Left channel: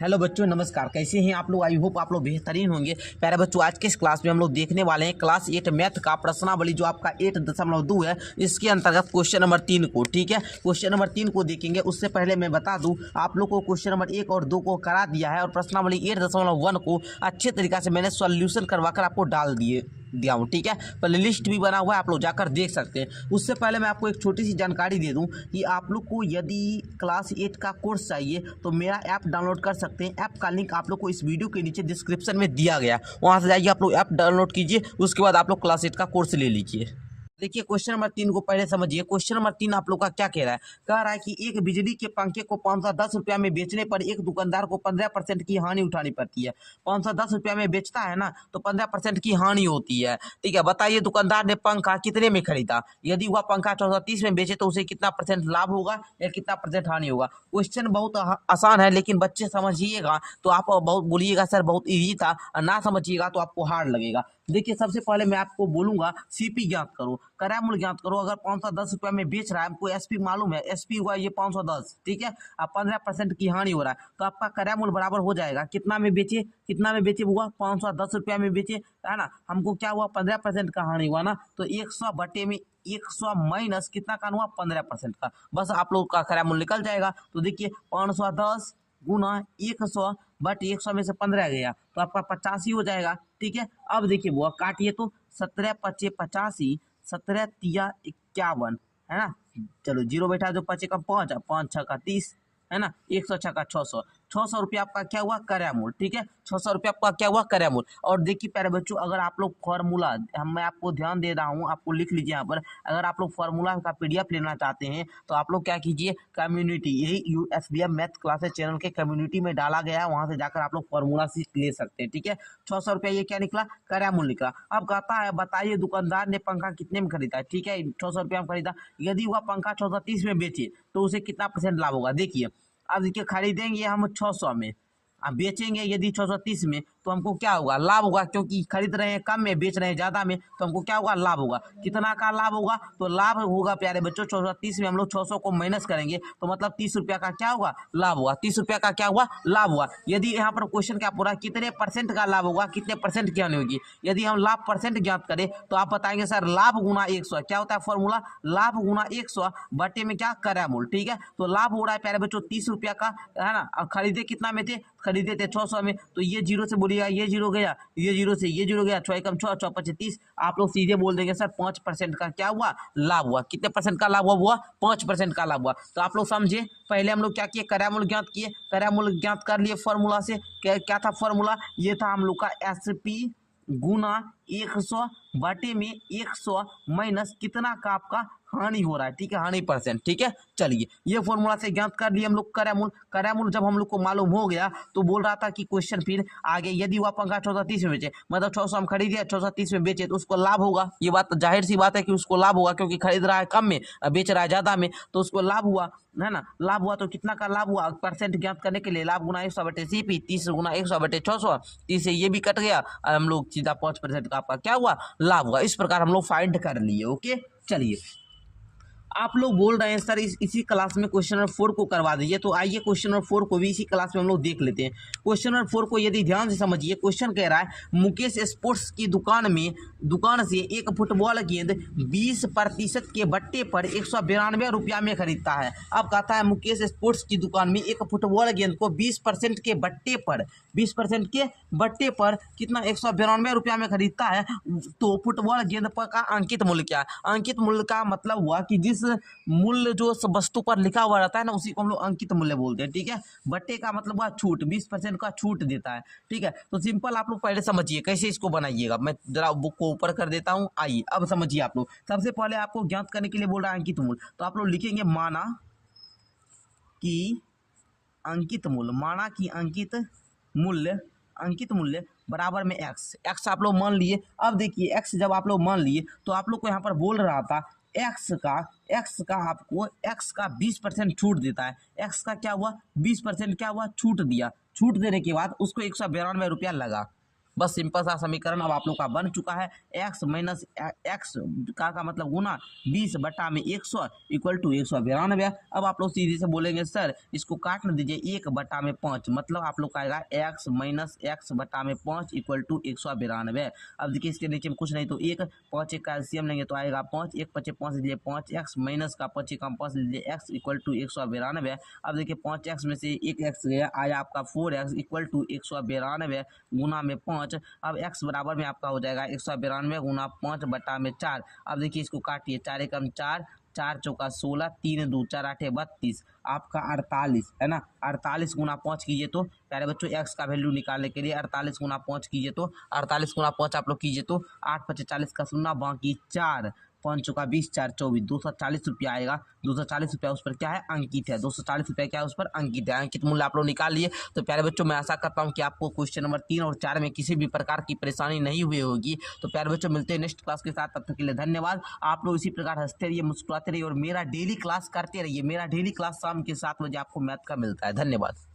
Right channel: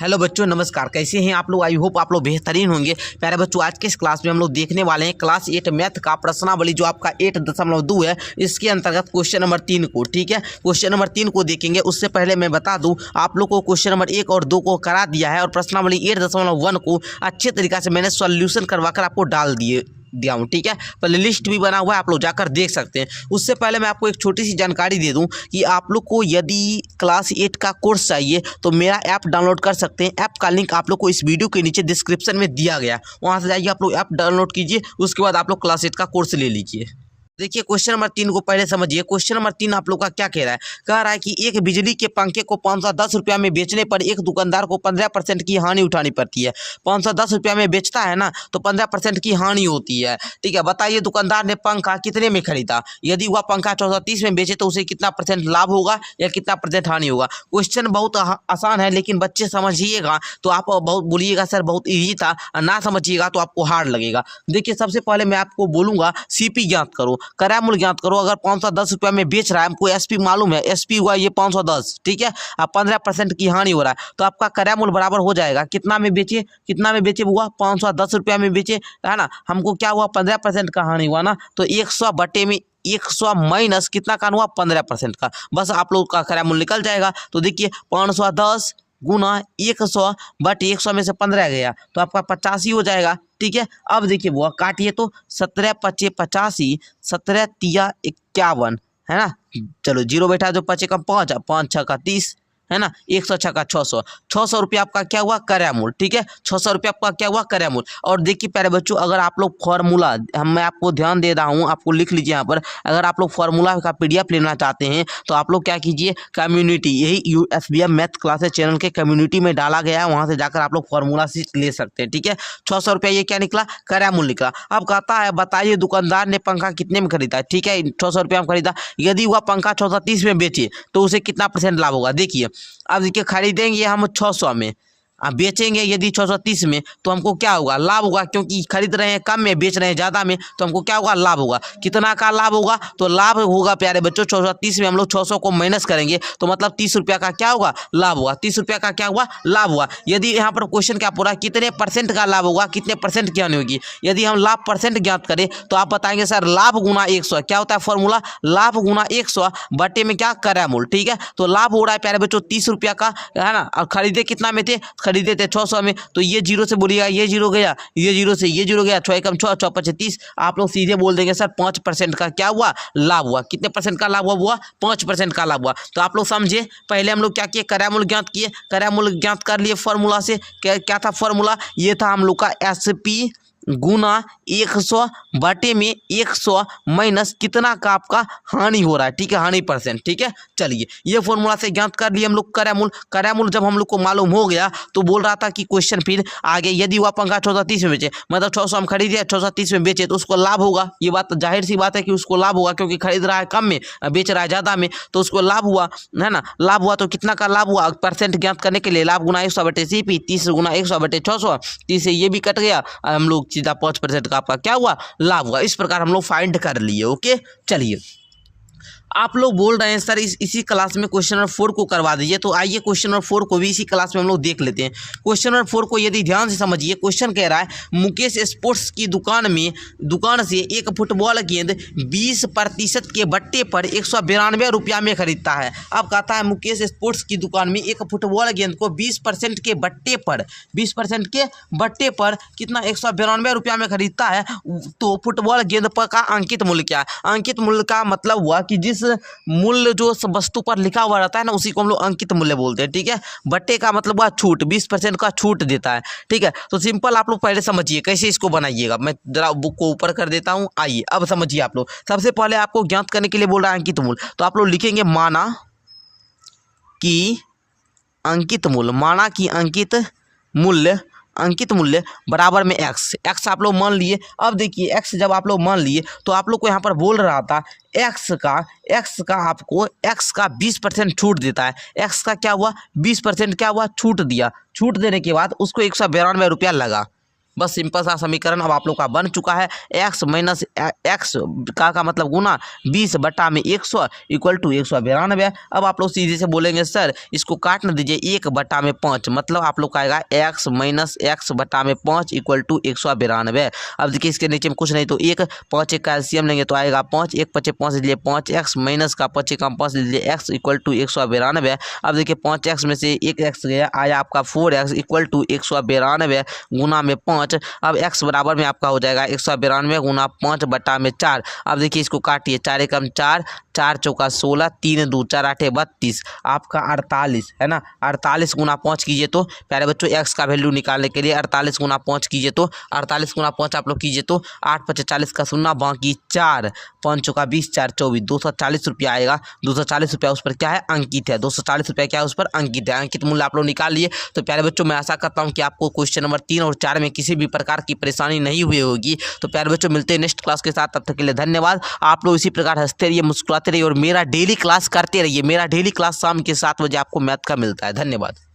Hello बच्चों, नमस्कार। कैसे हैं आप लोग? आई होप आप लोग बेहतरीन होंगे। प्यारे बच्चों, आज के इस क्लास में हम लोग देखने वाले हैं क्लास 8 मैथ का प्रश्नावली जो आपका 8.2 है, इसके अंतर्गत क्वेश्चन नंबर 3 को। ठीक है, क्वेश्चन नंबर 3 को देखेंगे। उससे पहले मैं बता दूं, आप लोग को क्वेश्चन नंबर 1 और 2 को करा दिया है और प्रश्नावली 8.1 को अच्छे तरीके से मैंने सॉल्यूशन करवाकर आपको डाल दिया हूँ। ठीक है, पहले लिस्ट भी बना हुआ है, आप लोग जाकर देख सकते हैं। उससे पहले मैं आपको एक छोटी सी जानकारी दे दूं कि आप लोग को यदि क्लास 8 का कोर्स चाहिए तो मेरा ऐप डाउनलोड कर सकते हैं। ऐप का लिंक आप लोग को इस वीडियो के नीचे डिस्क्रिप्शन में दिया गया, वहां से जाइए, आप लोग ऐप डाउनलोड कीजिए। उसके बाद आप लोग क्लास 8 का कोर्स ले लीजिए। देखिए, क्वेश्चन नंबर 3 को पहले समझिए। क्वेश्चन नंबर 3 आप लोग का क्या कह रहा है? कह रहा है कि एक बिजली के पंखे को 510 रुपया में बेचने पर एक दुकानदार को 15% की हानि उठानी पड़ती है। 510 रुपया में बेचता है ना, तो 15% की हानि होती है। ठीक है, बताइए दुकानदार ने पंखा कितने में खरीदा? यदि वह पंखा 430 में बेचे तो उसे कितना परसेंट लाभ होगा या कितना परसेंट हानि होगा? क्वेश्चन बहुत आसान है, लेकिन बच्चे समझिएगा तो आप बहुत बोलिएगा सर बहुत ईजी था, ना समझिएगा तो आपको हार्ड लगेगा। देखिए, सबसे पहले मैं आपको बोलूंगा सीपी ज्ञात करो, क्रय मूल्य ज्ञात करो। अगर 510 रुपया में बेच रहा है, हमको एसपी मालूम है, एसपी हुआ ये 510। ठीक है, अब 15% की हानि हो रहा है, तो आपका क्रय मूल्य बराबर हो जाएगा कितना में बेचे, कितना में बेचे हुआ 510 रुपया में बेचे, है ना। हमको क्या हुआ, 15% का हानि हुआ ना, तो 100 बटे में 100 माइनस कितना का हुआ, 15% का। बस आप लोग का क्रय मूल्य निकल जाएगा। तो देखिए, 510 गुना 100 बट 100 में से 15 गया तो आपका 85 हो जाएगा। ठीक है, अब देखिए वो काटिए तो 17 पचे 85, 17 तिया 51, है ना। चलो जीरो बैठा, जो पचे का 5, 5 छः का 30, है ना। 100 छः का 600, 600 रुपया आपका क्या हुआ, क्रय मूल्य। ठीक है, 600 रुपया आपका क्या हुआ, क्रय मूल्य। और देखिए प्यारे बच्चों, अगर आप लोग फॉर्मूला, मैं आपको ध्यान दे रहा हूँ, आपको लिख लीजिए यहाँ पर। अगर आप लोग फॉर्मूला का पीडीएफ लेना चाहते हैं तो आप लोग क्या कीजिए, कम्युनिटी, यही USBM मैथ क्लासेस चैनल के कम्युनिटी में डाला गया है, वहां से जाकर आप लोग फॉर्मूला सीट ले सकते हैं। ठीक है, 600 रुपया ये क्या निकला, क्रय मूल्य निकला। अब कहता है बताइए दुकानदार ने पंखा कितने में खरीदा। ठीक है, 600 रुपया में खरीदा। यदि वह पंखा 430 में बेचे तो उसे कितना परसेंट लाभ होगा? देखिए, अब देखिए, खरीदेंगे हम 600 में, अब बेचेंगे यदि 630 में, तो हमको क्या होगा, लाभ होगा। क्योंकि खरीद रहे हैं कम में, बेच रहे हैं ज़्यादा में, तो हमको क्या होगा, लाभ होगा। कितना का लाभ होगा? तो लाभ होगा प्यारे बच्चों, 630 में हम लोग 600 को माइनस करेंगे तो मतलब 30 रुपया का क्या होगा, लाभ होगा। 30 रुपया का क्या हुआ, लाभ हुआ। यदि यहाँ पर क्वेश्चन क्या पूरा, कितने परसेंट का लाभ होगा, कितने परसेंट की हानि होगी। यदि हम लाभ परसेंट ज्ञात करें तो आप बताएंगे सर लाभ गुना 100, क्या होता है फॉर्मूला, लाभ गुना 100 बटे में क्या, क्रय मूल्य। ठीक है, तो लाभ हो रहा है प्यारे बच्चों 30 रुपया का, है ना। और खरीदे कितना में थे, खरीदे थे 600 में, तो ये जीरो से बोलिएगा, ये जीरो गया, ये जीरो से ये जीरो गया, 6 कम 6, 6 पचे 30। आप लोग सीधे बोल देंगे सर 5% का क्या हुआ, लाभ हुआ। कितने परसेंट का लाभ हुआ, 5% का लाभ हुआ। तो आप लोग समझे, पहले हम लोग क्या किए, क्रय मूल्य ज्ञात किए, क्रय मूल्य ज्ञात कर लिए फॉर्मूला से। क्या था फॉर्मूला, ये था हम लोग का एसपी गुना 100 बटे में 100 माइनस कितना का आपका हानि हो रहा है। ठीक है, हानि परसेंट। ठीक है, चलिए ये फॉर्मूला से ज्ञात कर लिए हम लोग क्रय मूल्य। क्रय मूल्य जब हम लोग को मालूम हो गया तो बोल रहा था कि क्वेश्चन फिर आगे, यदि वह पंखा 430 में बेचे, मतलब 600 हम खरीदे 430 में बेचे, तो उसको लाभ होगा। ये बात जाहिर सी बात है कि उसको लाभ होगा, क्योंकि खरीद रहा है कम में, बेच रहा है ज़्यादा में, तो उसको लाभ हुआ, है ना। लाभ हुआ तो कितना का लाभ हुआ, परसेंट ज्ञात करने के लिए लाभ गुना 100 बटे CP, 30 गुना 100 बटे 600, 30 से ये भी कट गया, हम लोग सीधा 5% का आपका क्या हुआ, लाभ हुआ। इस प्रकार हम लोग फाइंड कर लिए। ओके, चलिए आप लोग बोल रहे हैं सर इसी क्लास में क्वेश्चन नंबर 4 को करवा दीजिए, तो आइए क्वेश्चन नंबर 4 को भी इसी क्लास में हम लोग देख लेते हैं। क्वेश्चन नंबर 4 को यदि ध्यान से समझिए, क्वेश्चन कह रहा है मुकेश स्पोर्ट्स की दुकान से एक फुटबॉल गेंद 20% के बट्टे पर 192 रुपया में खरीदता है। अब कहता है मुकेश स्पोर्ट्स की दुकान में एक फुटबॉल गेंद को 20% के बट्टे पर, 20% के बट्टे पर कितना, 192 रुपया में खरीदता है। तो फुटबॉल गेंद पर का अंकित मूल्य क्या है? अंकित मूल्य का मतलब हुआ कि जिस मूल्य जो वस्तु पर लिखा हुआ रहता है ना, उसी को हम लोग अंकित मूल्य बोलते हैं। ठीक है, बट्टे का मतलब हुआ छूट, 20% का छूट देता है। ठीक है, तो सिंपल आप लोग पहले समझिए कैसे इसको बनाइएगा। मैं जरा बुक को ऊपर कर देता हूँ, आइए अब समझिए आप लोग। सबसे पहले आपको ज्ञात करने के लिए बोल रहा है अंकित मूल्य, तो आप लोग लिखेंगे माना कि अंकित मूल्य, माना कि अंकित मूल्य बराबर में एक्स आप लोग मान लिए। अब देखिए एक्स जब आप लोग मान लिए तो आप लोग को यहाँ पर बोल रहा था एक्स का आपको एक्स का 20% छूट देता है। एक्स का क्या हुआ, 20% क्या हुआ, छूट दिया। छूट देने के बाद उसको 192 रुपया लगा। बस सिंपल सा समीकरण अब आप लोग का बन चुका है। एक्स माइनस एक्स का मतलब गुना 20 बटा में 100 इक्वल टू 192। अब आप लोग सीधे से बोलेंगे सर इसको काट न दीजिए 1 बटा में 5, मतलब आप लोग का आएगा एक्स माइनस एक्स बटा में 5 इक्वल टू 192। अब देखिए इसके नीचे में कुछ नहीं तो 1 5 एक का एलसीएम लेंगे तो आएगा 5, 1 5 5 लीजिए 5 एक्स माइनस का 5 का 5 लीजिए एक्स इक्वल टू 192। अब देखिए 5 एक्स में से 1 एक्स गया, आया आपका 4 एक्स इक्वल टू 192 गुना में 5। अब एक्स बराबर में आपका हो जाएगा 192 गुना 5 बटा में 4। अब देखिए इसको काटिए, 4 एकम 4, 4 चौका 16, 3 2 4 8 32, आपका 48 है ना। 48 गुना 5 कीजिए तो प्यारे बच्चों एक्स का वैल्यू निकालने के लिए 48 गुना 5 कीजिए तो 48 गुना 5 आप लोग कीजिए तो 8 5 40 का शून्य बाकी 4, 5 चौका 20 4 24, 240 रुपया आएगा। 240 रुपया उस पर क्या है अंकित है, 240 रुपया क्या है उस पर अंकित है। अंकित मूल्य आप लोग निकाल लिए। तो प्यारे बच्चों मैं आशा करता हूँ कि आपको क्वेश्चन नंबर 3 और 4 में किसी भी प्रकार की परेशानी नहीं हुई होगी। तो प्यारे बच्चों मिलते हैं नेक्स्ट क्लास के साथ, तब तक के लिए धन्यवाद। आप लोग इसी प्रकार हंसते रहिए, मुस्कुराते रहिए और मेरा डेली क्लास करते रहिए। मेरा डेली क्लास शाम के 7 बजे आपको मैथ का मिलता है। धन्यवाद।